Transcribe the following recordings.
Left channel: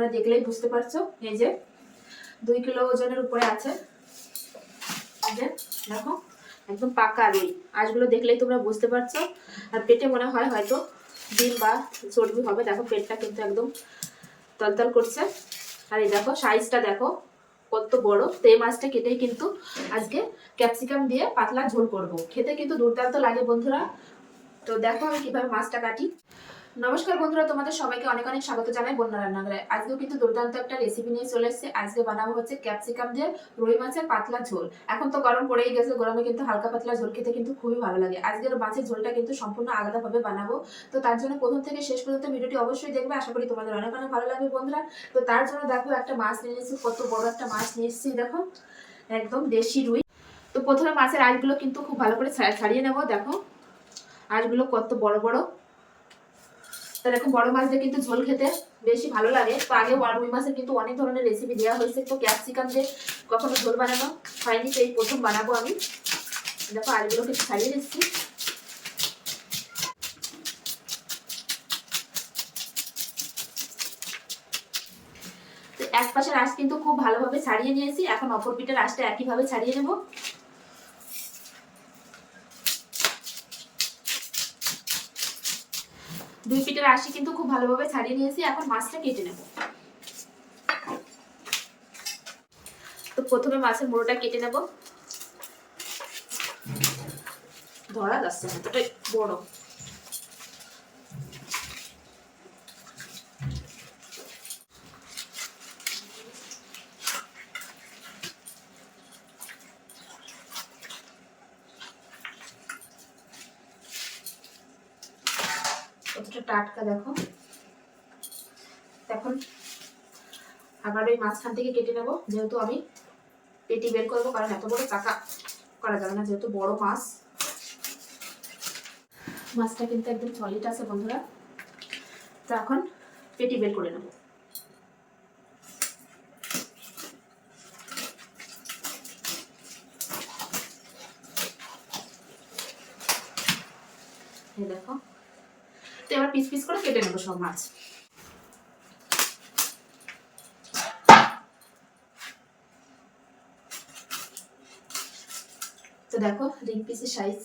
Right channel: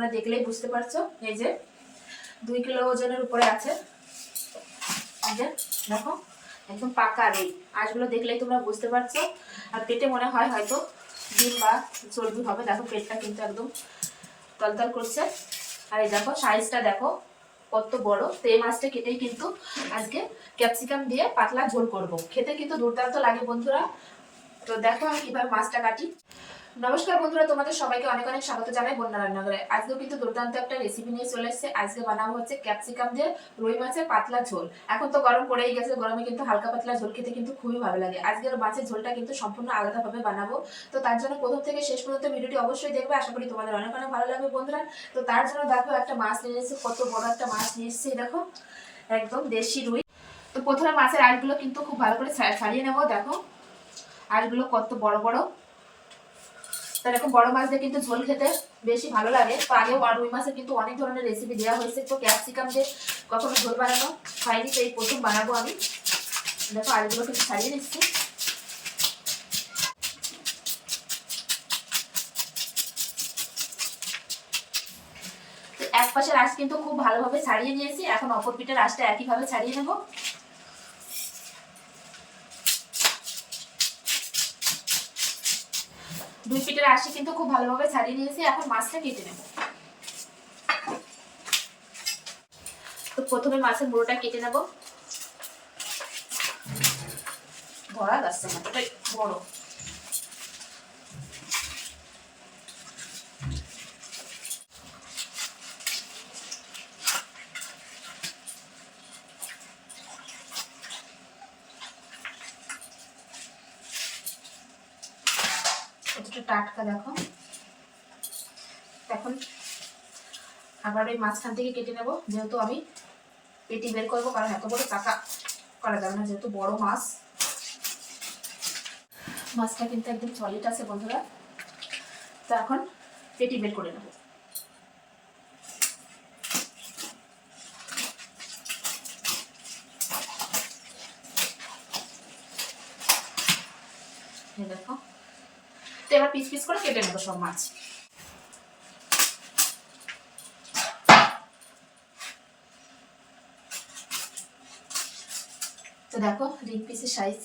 তোমরা দেখলেই বুঝতে পারছ। এই যে, দুই কিলো ওজনের উপরে আছে। দেখো, একদম পাকা রুই আঁশগুলো দেখলেই তোমরা বুঝতে পারছ। আর পেটে মনে হয় হয়তো ডিম বা চর্বি হবে। দেখো, পেটটা কিন্তু একদম তলতল করছে। আর এই দেখো সাইজটা দেখো, কত বড়। তো এই মাছটা কেটেই কিন্তু আজকে ক্যাপসিকাম দিয়ে পাতলা ঝোল করব। খেতে কিন্তু দুর্দান্ত লাগে বন্ধুরা। তো দেখো আমি কীভাবে মাছটা কাটি। নমস্কার বন্ধুরা, তোমাদের সবাইকে অনেক অনেক স্বাগত জানাই বন্যা রান্নাঘরে। আজকেও কিন্তু দুর্দান্ত একটা রেসিপি নিয়ে চলে এসেছে। আজকে বানাবো হচ্ছে ক্যাপসিকাম দিয়ে রুই মাছের পাতলা ঝোল। এখন তো গরম পড়েই গেছে, গরমে কিন্তু হালকা পাতলা ঝোল খেতে কিন্তু খুবই ভালো লাগে। আজকের মাছের ঝোলটা কিন্তু সম্পূর্ণ আলাদাভাবে বানাবো। তো তার জন্য প্রথম থেকে শেষ পর্যন্ত ভিডিওটি অবশ্যই দেখবে। আশা করি তোমাদের অনেক অনেক ভালো লাগবে বন্ধুরা। তো তার জন্য দেখো একটা মাছ নিয়ে এসেছি কত বড় একটা মাছ নিয়ে এসেছি দেখো। একদম দেশি রুই। তো প্রথমে মাছের আঁশগুলো কিন্তু খুব ভালো করে ছাড়িয়ে নেব, দেখো। আঁশগুলো কত বড় বড়। তো এরকম বড় মাছ দিয়ে কিন্তু ঝোল খেতে বেশি ভালো লাগে। তো আগে রুই মাছের কিন্তু অনেক ধরনের রেসিপি দেওয়া হয়েছে। তো ক্যাপসিকাম দিয়ে কখনো ঝোল বানানো হয়নি এই প্রথম বানাবো আমি। দেখো আলুগুলো কিন্তু ছাড়িয়ে দিচ্ছি। এক পাশের আঁশ কিন্তু খুব ভালোভাবে ছাড়িয়ে নিয়েছি। এখন অপর পিঠের আঁশটা একইভাবে ছাড়িয়ে নেব। দুই ফিটের আশি কিন্তু খুব ভালোভাবে ছাড়িয়ে নিয়েছি, এখন মাছটা কেটে নেব। তো প্রথমে মাছের মুড়োটা কেটে নেব। ধরা যাচ্ছে না বড় কতটা টাটকা দেখো। এখন আবার ওই মাঝখান থেকে কেটে নেব। যেহেতু আমি পেটি বের করব, কারণ এত বড় চাকা করা যাবে না, যেহেতু বড় মাছ। মাছটা কিন্তু একদম সলিড আছে বন্ধুরা। তো এখন পেটি বের করে নেব। দেখো। তো এবার পিস পিস করে কেটে নেব সব মাছ। তো দেখো রিং পিসের সাইজ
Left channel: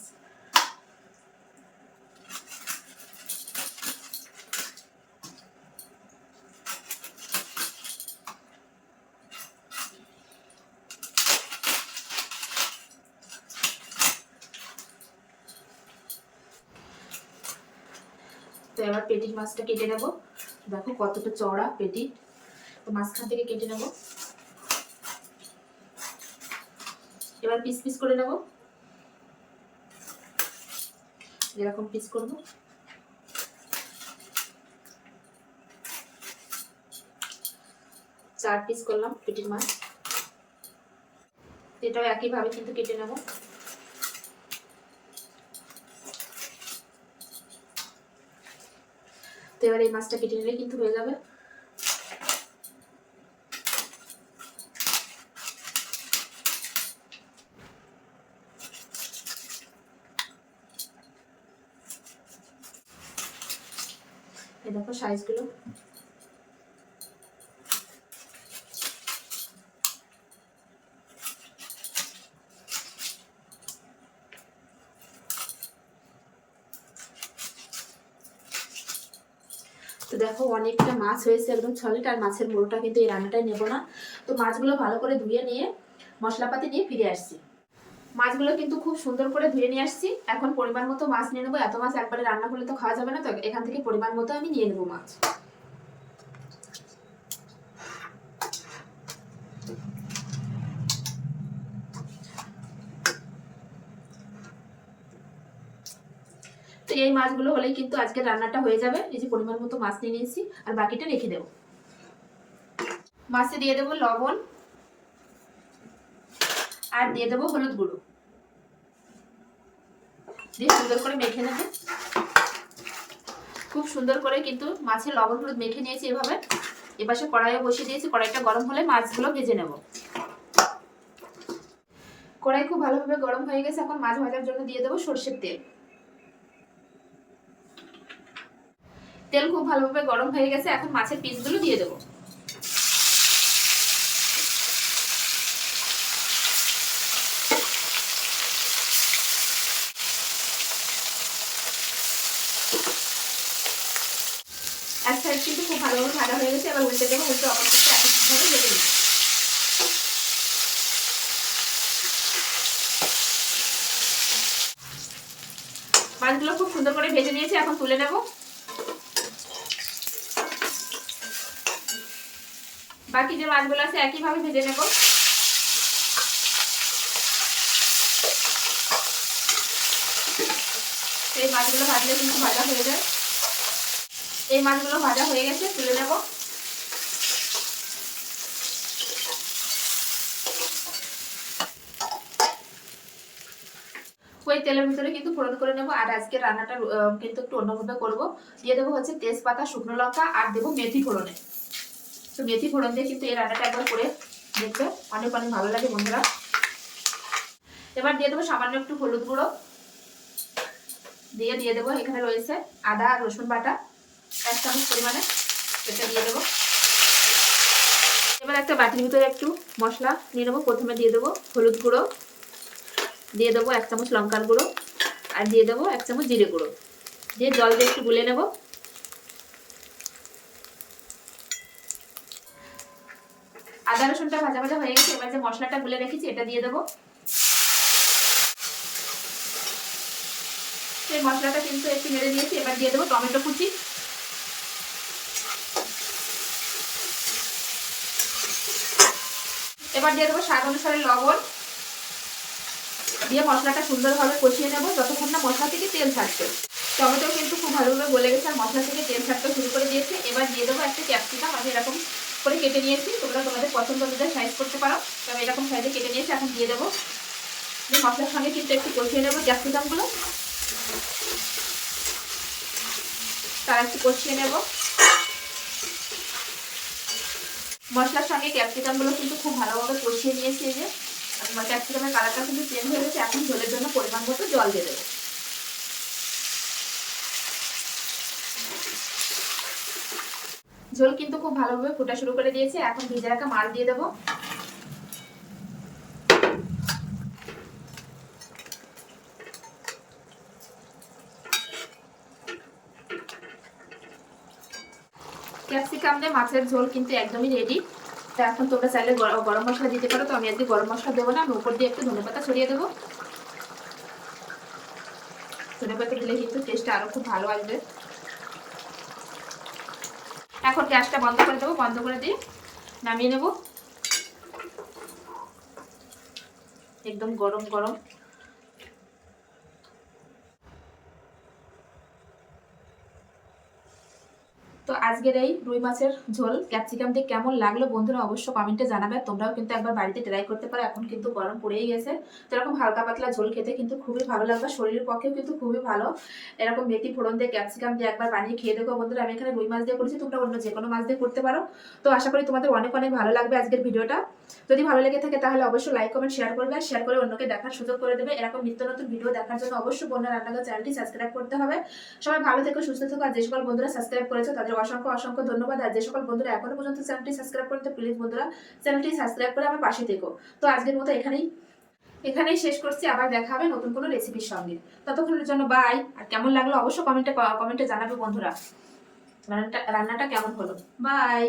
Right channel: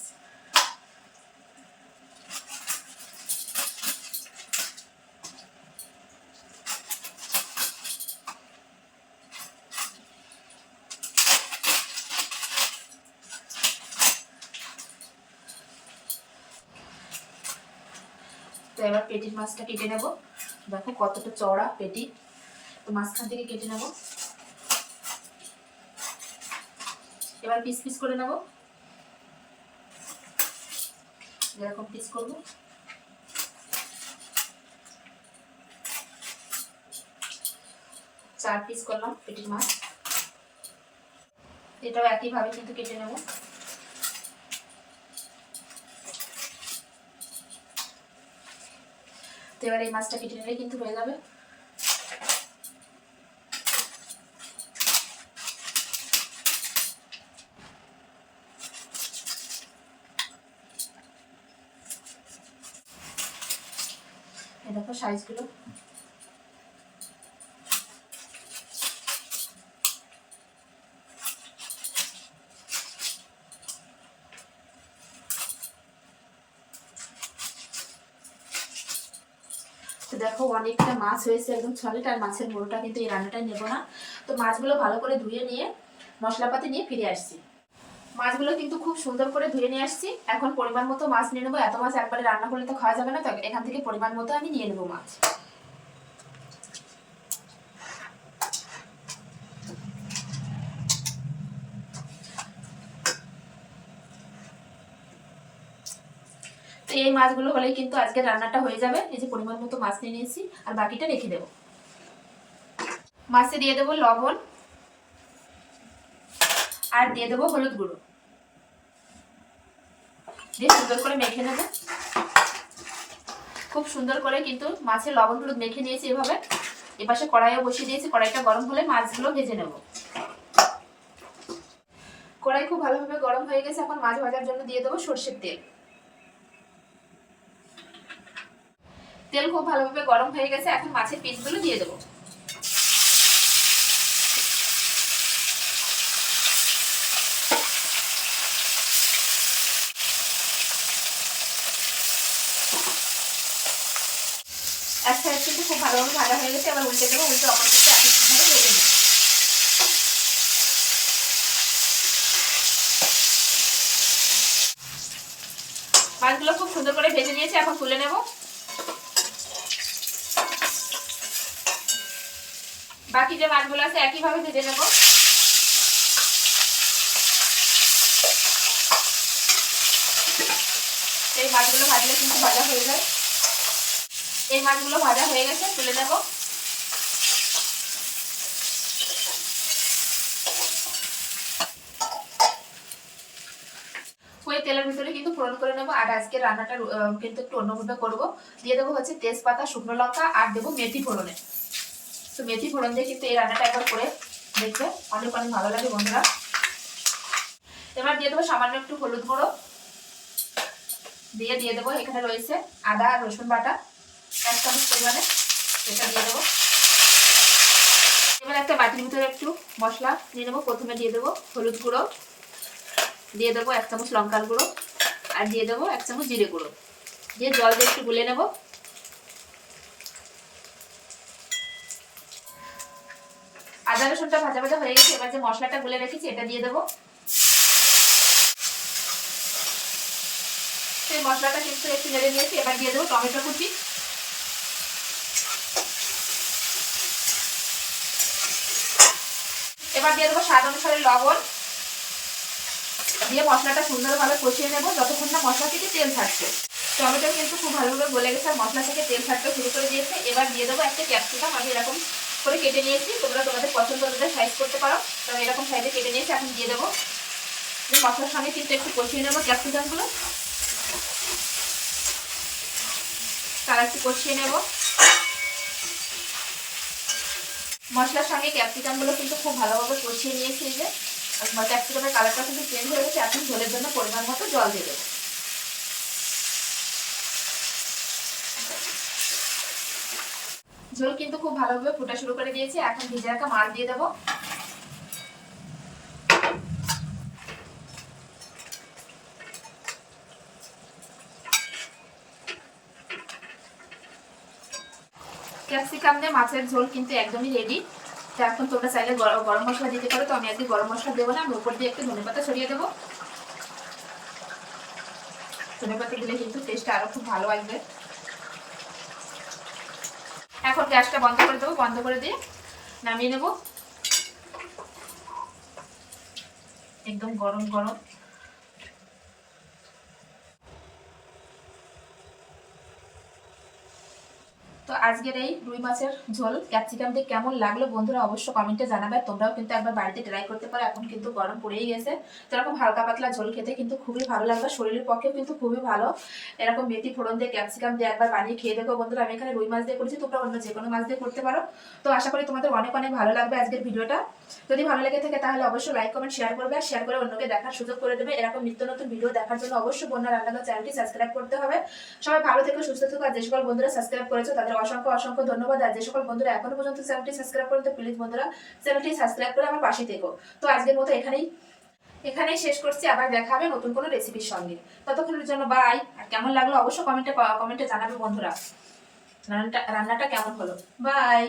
এবার পেটির মাছটা কেটে নেব। দেখো কতটা চওড়া পেটি। তো মাঝখান থেকে কেটে নেব। এবার পিস পিস করে নেব। যেরকম পিস করব। চার পিস করলাম পেটির মাছ। এটাও একইভাবে কিন্তু কেটে নেব। এবার এই মাছটা কেটে নিলে কিন্তু হয়ে যাবে। দেখো সাইজগুলো তো দেখো অনেকটা মাছ হয়েছে একদম ছলেট আর মাছের মুড়োটা কিন্তু এই রান্নাটাই নেব না। তো মাছগুলো ভালো করে ধুয়ে নিয়ে মশলাপাতি নিয়ে ফিরে আসছি। মাছগুলো কিন্তু খুব সুন্দর করে ধুয়ে নিয়ে আসছি। এখন পরিমাণ মতো মাছ নিয়ে নেব। এত মাছ একবারে রান্না করলে তো খাওয়া যাবে না, তো এখান থেকে পরিমাণ মতো আমি নিয়ে নেব মাছ। এই মাছগুলো হলেই কিন্তু আজকে রান্নাটা হয়ে যাবে। এই যে পরিমাণ মতো মাছ নিয়ে নিয়েছি, আর বাকিটা রেখে দেবো। মাছে দিয়ে দেবো লবণ, আর দিয়ে দেবো হলুদ গুঁড়ো। দিয়ে সুন্দর করে মেখে নেবে। খুব সুন্দর করে কিন্তু মাছের লবণ হলুদ মেখে নিয়েছি এভাবে। এপাশে কড়াইও বসিয়ে দিয়েছি, কড়াইটা গরম হলে মাছগুলো ভেজে নেব। কড়াই খুব ভালোভাবে গরম হয়ে গেছে, এখন মাছ ভাজার জন্য দিয়ে দেবো সর্ষের তেল। তেল খুব ভালোভাবে গরম হয়ে গেছে, এখন মাছের পিসগুলো দিয়ে দেবো। এক সাইড কিন্তু খুব ভালোভাবে ভাজা হয়ে গেছে, এবার উল্টে দেবো, উল্টে অপর সাইডে একইভাবে ভেজে নিই মাছগুলো খুব সুন্দর করে ভেজে নিয়েছি, এখন তুলে নেব। বাকি যে মাছগুলো আছে একইভাবে ভেজে নেব। এই মাছগুলো ভাজলে কিন্তু ভাজা হয়ে যায়। এই মাছগুলো ভাজা হয়ে গেছে, তুলে নেব। ওই তেলের ভিতরে কিন্তু ফোড়ন করে নেব, আর আজকে রান্নাটা কিন্তু একটু অন্যভাবে করব। দিয়ে দেবো হচ্ছে তেজপাতা, শুকনো লঙ্কা, আর দেবো মেথি ফোড়নে। তো মেথি ফোড়ন দিয়ে কিন্তু এই রান্নাটা একবার করে দেখবে। অনেক অনেক ভালো লাগে বন্ধুরা। এবার দিয়ে দেবো সামান্য একটু হলুদ গুঁড়ো। দিয়ে দিয়ে দেবো, এখানে রয়েছে আদা আর রসুন বাটা। এক চামচ পরিমাণে এটা দিয়ে দেবো। এবার একটা বাটির ভিতরে একটু মশলা নিয়ে নেব। প্রথমে দিয়ে দেবো হলুদ গুঁড়ো। দিয়ে দেবো এক চামচ লঙ্কার গুঁড়ো। আর দিয়ে দেবো এক চামচ জিরে গুঁড়ো। দিয়ে জল দিয়ে একটু গুলে নেব। আদা রসুনটা ভাজা ভাজা হয়ে গেছে, এবার যে মশলাটা গুলে রেখেছি, এটা দিয়ে দেবো। সেই মশলাটা কিন্তু একটু নেড়ে দিয়েছি এবার দিয়ে দেবো টমেটো কুচি। এবার দিয়ে দেবো স্বাদ অনুসারে লবণ। দিয়ে মশলাটা সুন্দরভাবে কষিয়ে নেব, যতক্ষণ না মশলা থেকে তেল ছাড়ছে। টমেটো কিন্তু খুব ভালোভাবে গলে গেছে, আর মশলা থেকে তেল ছাড়তে শুরু করে দিয়েছে। এবার দিয়ে দেবো একটা ক্যাপসিকাম, আমি এরকম করে কেটে নিয়েছি। তোমরা তোমাদের পছন্দ অনুযায়ী সাইজ করতে পারো। তবে এরকম সাইজে কেটে নিয়েছি, এখন দিয়ে দেবো। মশলার সঙ্গে কিন্তু একটু কষিয়ে নেব ক্যাপসিকামগুলো তারা একটু কষিয়ে নেব। মশলার সঙ্গে ক্যাপসিকামগুলো কিন্তু খুব ভালোভাবে কষিয়ে নিয়েছি এই যে। ক্যাপসিকামের কালারটা কিন্তু চেঞ্জ হয়ে গেছে। এখন ঝোলের জন্য পরিমাণ মতো জল দিয়ে দেবো। ঝোল কিন্তু খুব ভালোভাবে ফোটা শুরু করে দিয়েছে। এখন ভেজে রাখা মাছ দিয়ে দেবো। ক্যাপসিকাম দিয়ে মাছের ঝোল কিন্তু একদমই রেডি তো এখন তোমরা চাইলে গর- গরম মশলা দিতে পারো। তো আমি আজকে গরম মশলা দেবো না, আমি উপর দিয়ে একটু ধনে পাতা ছড়িয়ে দেবো। ধনে পাতা দিলে কিন্তু টেস্টটা আরও খুব ভালো আসবে। এখন গ্যাসটা বন্ধ করে দেবো বন্ধ করে দিয়ে নামিয়ে নেব। একদম গরম গরম। তো আজকের এই রুই মাছের ঝোল, ক্যাপসিকাম দিয়ে কেমন লাগল বন্ধুরা অবশ্য কমেন্টে জানাবে, তোমরাও কিন্তু একবার বাড়িতে ট্রাই করতে পারো, এখন কিন্তু গরম পড়েই গেছে। তো এরকম হালকা পাতলা ঝোল খেতে কিন্তু খুবই ভালো লাগবে, শরীরের পক্ষেও কিন্তু খুবই ভালো। এরকম মেথি ফোড়ন দিয়ে ক্যাপসিকাম দিয়ে একবার বানিয়ে খেয়ে দেখো বন্ধুরা, আমি এখানে রুই মাছ দিয়ে করেছি, তোমরা অন্য যে কোনো মাছ দিয়ে করতে পারো। তো আশা করি তোমাদের অনেক অনেক ভালো লাগবে আজকের ভিডিওটা। যদি ভালো লেগে থাকে তাহলে অবশ্যই লাইক কমেন্ট শেয়ার করবে আর শেয়ার করে অন্যকে দেখার সুযোগ করে দেবে। এরকম নিত্য নতুন ভিডিও দেখার জন্য অবশ্যই বন্যা রান্নাঘর চ্যানেলটি সাবস্ক্রাইব করতে হবে। সবাই ভালো থেকো, সুস্থ থেকো আর যে সকল বন্ধুরা সাবস্ক্রাইব করেছ তাদের অসংখ্য অসংখ্য ধন্যবাদ। আর যে সকল বন্ধুরা এখনও পর্যন্ত চ্যানেলটি সাবস্ক্রাইব করতে প্লিজ বন্ধুরা চ্যানেলটি সাবস্ক্রাইব করে আমার পাশে থেকো। তো আজকের মতো এখানেই এখানেই শেষ করছি। আবার দেখা হবে নতুন কোনো রেসিপির সঙ্গে। ততক্ষণের জন্য বাই আর কেমন লাগল অবশ্যই কমেন্টে কমেন্টে জানাবে বন্ধুরা। রান্নাটা রান্নাটা কেমন হলো? বাই